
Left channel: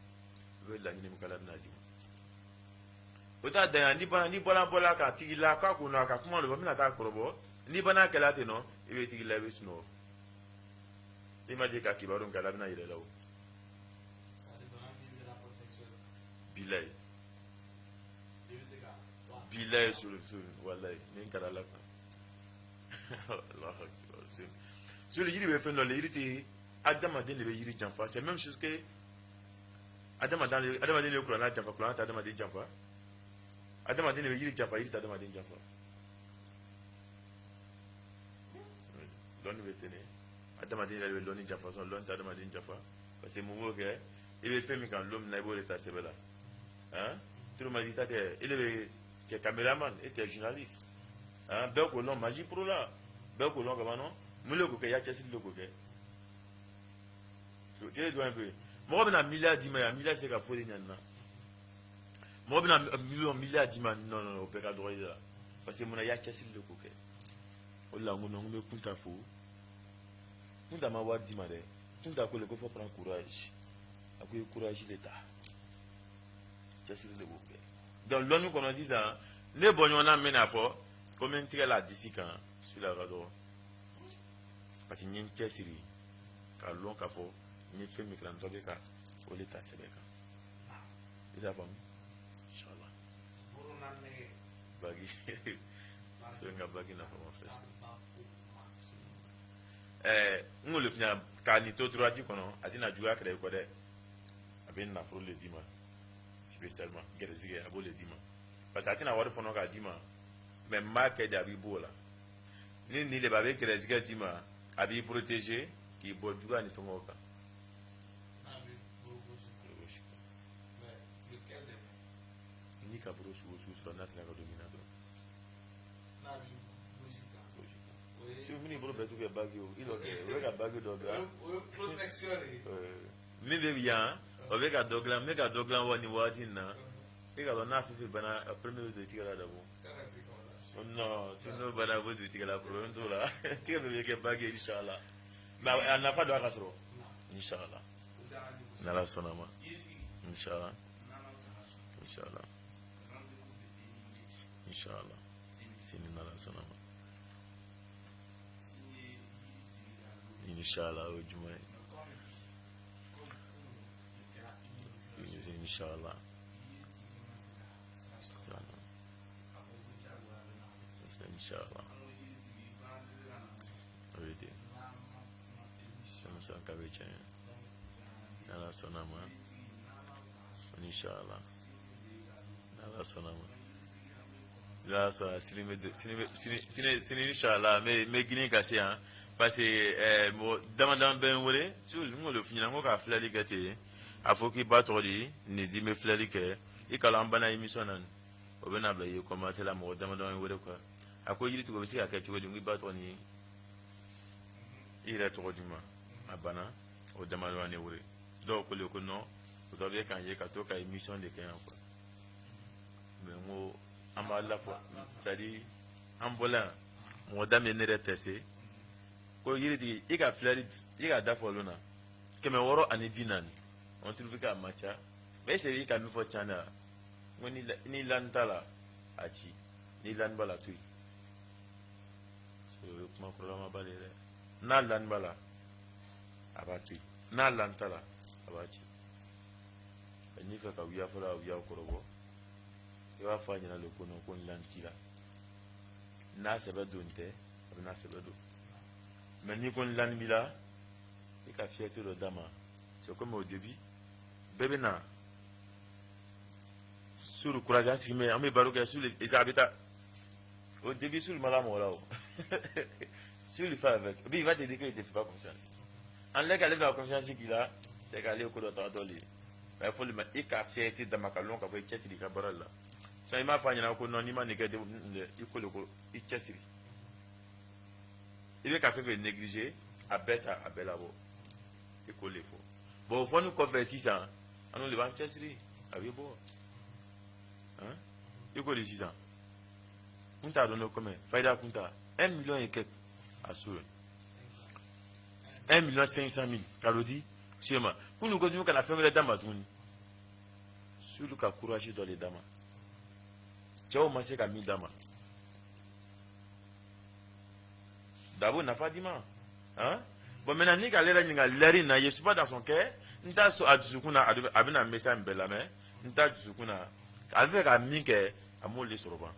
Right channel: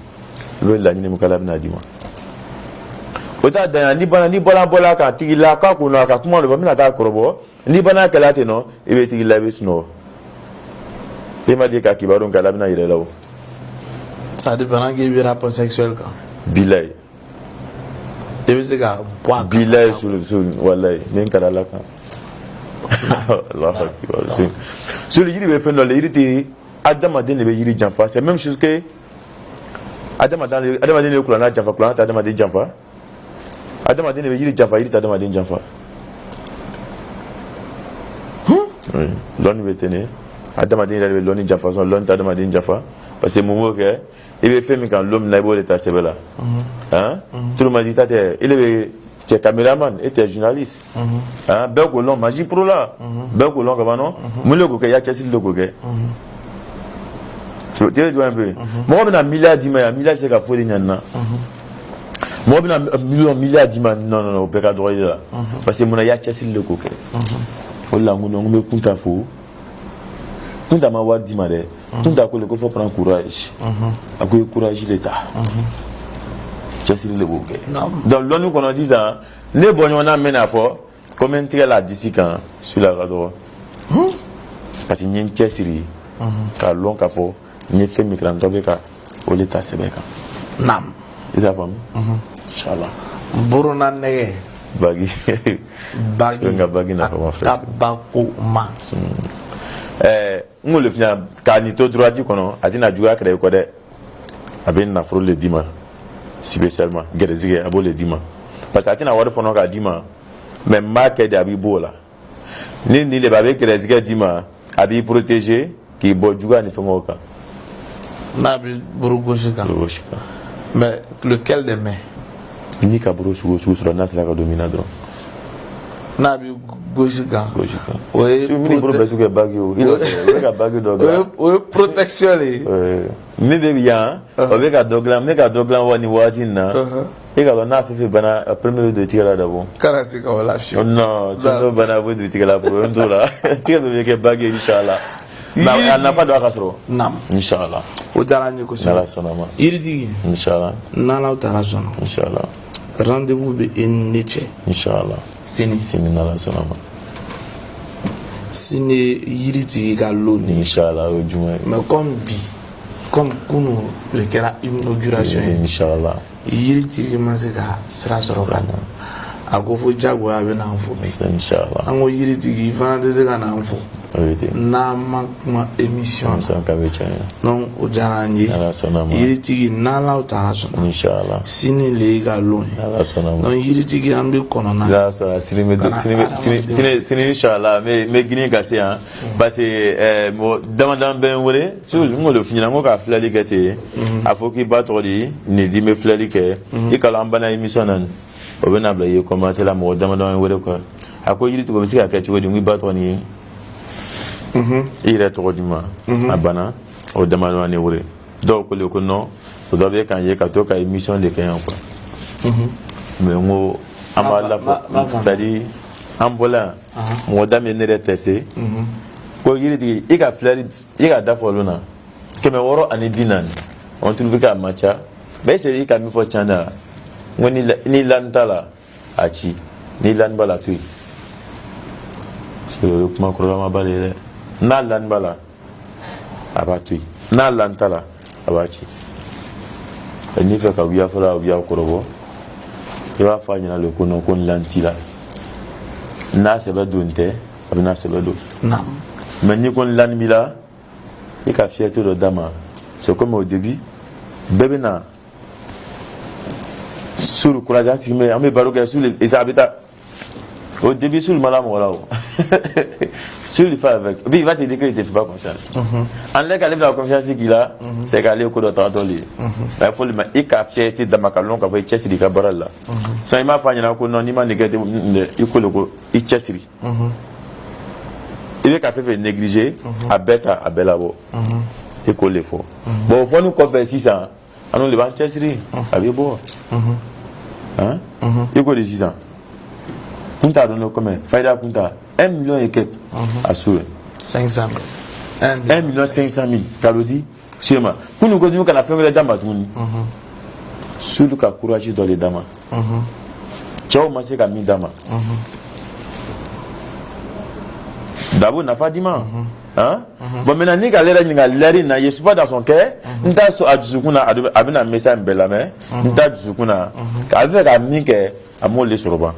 lo la ni mukala bina dima ota da ni bola ka tigila ka ku no ka kuma lo bina ta korobo ni bana kala te no ibe tigila be suno e ma di ka kibaron kala bina yire lawo ça dépend qui est rapport sexuel ka bilay e be se ka boa bilay sur wallahi men kala la ka Allah akbar sur le yiri be fen le yiri te Adam Adin le yiri janfa c'est même chose que Adam Adin le kulana janfa kulana Adam Adin janfa Adam Adin le yiri janfa yiri Adam Adin janfa oui l'on veut tenir Adam Adin le l'on janfa son l'on Adam Adin janfa parce que momo que il veut faire quand l'homme n'a pas l'état c'est là hein tout le monde dit il est tu es caméraman et tu es journaliste hein ben que l'on magie pro là ben que l'on comment non moi le que y a qu'est-ce le que tu vois un peu moi on a milliard c'est qu'à folie nana moi on a milliard non au père droit là parce que mon y a qu'est-ce le que oh là on me compte à faux tout à ma voir dimare tout à coup le faut prendre courage à quoi courage l'état qu'est-ce le que donc l'on nous qu'on dit ça les bons on a mené à fort commenter la d'ici quand sur la radio parce que n'y qu'est-ce car l'on qu'a fort ni fait micro ka o l'état sebeka nam isa fam inshallah borona nege bagi nga bagi na fama frère tabako max ngole fina ka ni to droit kono adina juga créer ko de abin na fro le dima spécialement gerezige abo le dima parce que atina wari fono ka dima même marque de abibola ni le babe gerezige dima abi protéger qui bo juga ni fongo ka Nabi Burugoshika. Mais lequel des mains? Ni Kaburu sur Nas la dominadro. Nabi Goshika. Oui, tu peux tout bagio. Il a bagio dogla. Oui, protection. Mais bien, avec un dogla, mais un dogla wani watina. Et quand on a fait bana premier de tirer d'abord. Karasika wala fio. Non, tu ne bana vous de tirer la pour un tour là. Tirer de bagio inchallah. Na na fa do akasro nam inshallah o dara ni ko nala sonama irzi inshallah nala o dara sono inshallah rendez-vous be enneche inshallah sini nala sonama sini yiriti ga loni inshallah o juma mais comme kunu le kera inauguration inshallah yiriti masika sira soro kana ako fo jago ya be na info inshallah ango yiriti fana de se kana info na ma émission non o jaranji yiritigi nala utara sona inshallah sini le ga loni non yiritigi ambe kono na la sala sini inshallah me gini kasi hein parce que mo damadan ben wore so mo le finira mo ka flali kete afoki batori ni di me flali ke e kala ambana émission nan o bena bla ye commenter la mo damadan wore ko ako yiritigo be sika ka chodi ngi batori il est trop dima abana au demandant ni wure donc le ko non to dobe kan ye ka to ka émission de kan quoi mais ngo amala fo sadi ambola mo dame ne retese ko yiri i ka fleur i ka da folona keme woro ani binan on trouve ka matcha be se i ka mi fo chanda ngoni ni lantala achi ni lan bala tu so kuma ko ma balere na lan bala abatui n'a lantala abachi ni fait ka wiya fala wiya korobo e va fa nyina le kono kon lantila na sebe donte abina sebe do naam mais ni kon lan mila et ka fierté de dama c'est comme au début bébé na sur le courage ainsi mais on me baroque sur les habitats au début sur le malam voilà sur le fait avec puis il va te dire qu'il te fait pas confiance en l'air qu'elle a la confiance qu'il a c'est qu'elle est au cours de temps il faut le mettre et ka fierté dama kalon ka fait chester ka baralla so il m'a fait na ko non ni ma négatif il ko le ko il chester il est qu'à faire négliger à bête à bella bo et qu'on les faut bon faut nous converser ça à nous les banques chesserie avec bon hein et quoi les 6 ans punta donne combien faida punta 1 million et quelques assuré 500 000 1 million 500 000 calodi sûrement pour nous continuer qu'on a fait les dames tout sur le cas courage dans les dames ciao ma c'est comme dama d'abord n'a pas dit hein bon maintenant ni galera ni galera na yesu pas dans son cœur nta so adusukuna abina message bela mais nta adusukuna ka fait ka mi ke amol le soroba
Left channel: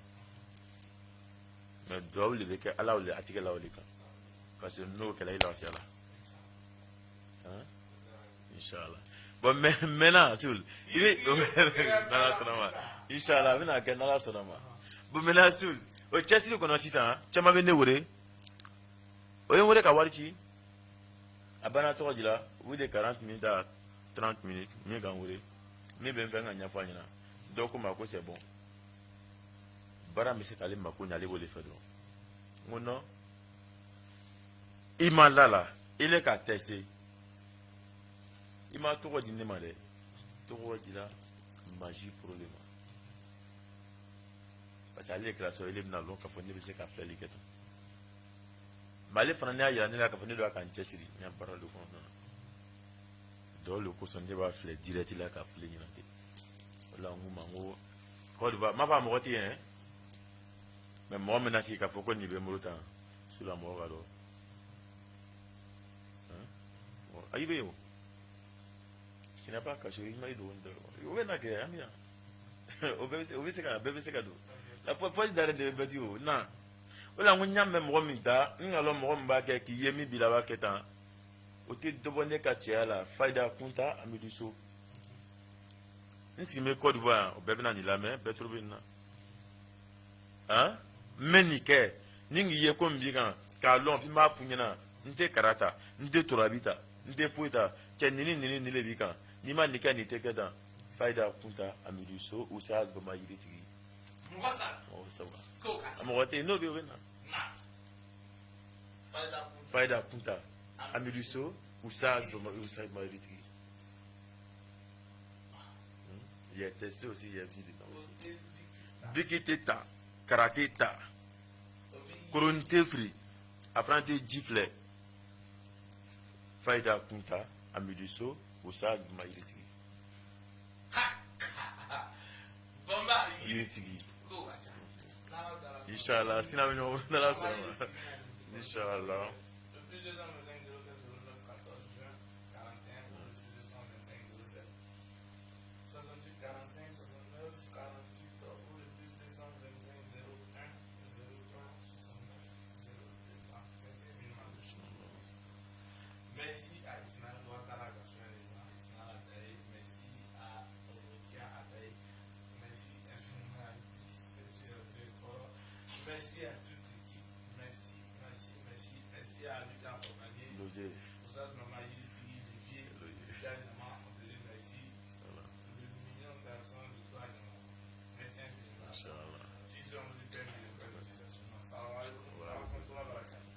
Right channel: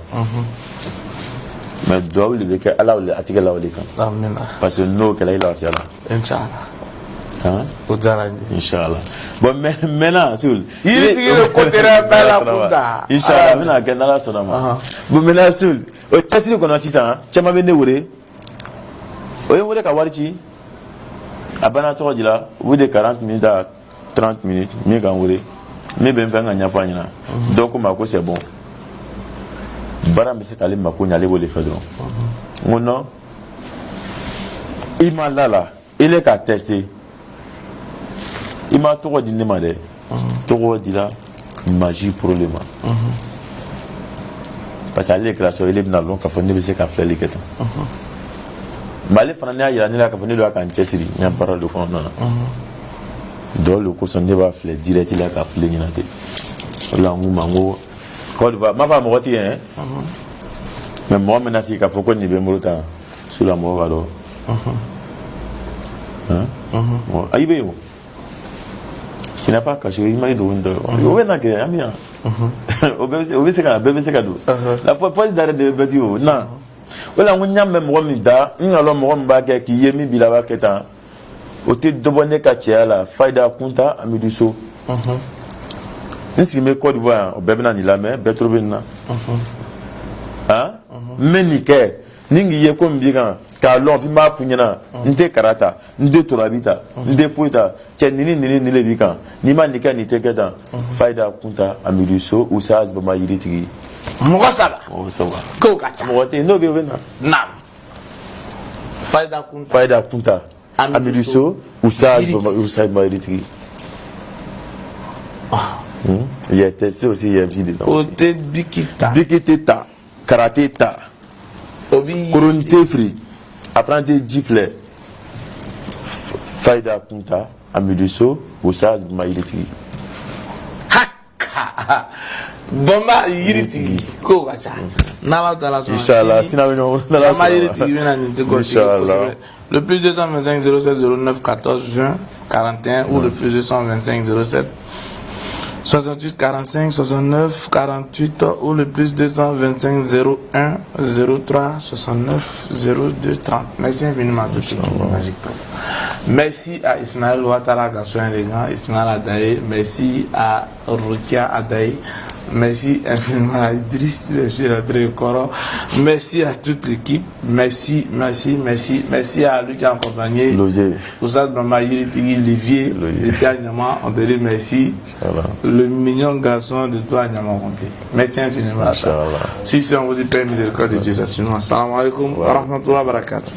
mais doit le que Allah le atika la wali kan amen parce que no que là il a fait là inchallah hein ozarani inchallah bon maintenant sul il est le côté la kunda inchallah mina ke na la sonama bon maintenant sul o testi ko no sisa chama bene wure oye ngode ka warchi abana to dila de 40 minutes à 30 minutes mi kan wure mi ben fa nganya fa nyina donc ma ko c'est bon bara mi se kale ma ko nyale bo le fedron ngono ima lala ile ka tester ima to di ne ma de to dila magie problème parce que les classes ile bina lon ka fa ne be se ka flele keto Malé fana ya ni la ka fani do ka nchesiri nya para do ko non do le ko son débat flé direct la ka flé ni na te la ngu mango ko va ma va mo roti hein mais moi maintenant si ka foko ni be mo ta sur la mo va do bon ayi be yo tu n'as pas caché il m'a dit on o na ke amia o be se ka do la point d'arrêt de bedio non voilà on y a même romida on a l'homme romba qui yemi bilaba ketan o te dobone ka tia la faida kunta amiduso nsi me Côte d'Ivoire o bebna ni la mer betrobena hein menike ningi ye ko mbiga ka lon bi ma funyana nte karata nte torabita nte fuita che nini le bika ni ma nika ni te ketan faida kunta amiduso usaz ba mayiriti Mogo saba ko kacha mogo te no be wena nam faida kunta amiduso usaz ba mayiriti il y a testé aussi il y a vidéo ote bikita karaté ta obi koronte free apprenti gifle faida kunta amiduso usaz ba mayiriti haka bomba yiritigi ko kacha nala tala so inchallah sina no nala ma yiritigi bena ni te ko le plus 225 07 09 14 juin 41 ou le plus 225 07 68 45 69 48 ou le plus 225 01 03 69 02 30. Merci infiniment à tous. Merci à Ismaël Ouattara Gassoin les grands, Ismaël Adaye, merci à Rukia Adaye, merci infiniment à Idriss, merci à toute l'équipe, merci à lui qui a accompagné, Oussad Bamba Yiritigi, Olivier, depuis Agnama, on te dit merci, le mignon garçon de toi Agnama, merci infiniment. Si on vous dit Père miséricorde de Dieu, assalamu alaikum wa rahmatullahi wa barakatuh.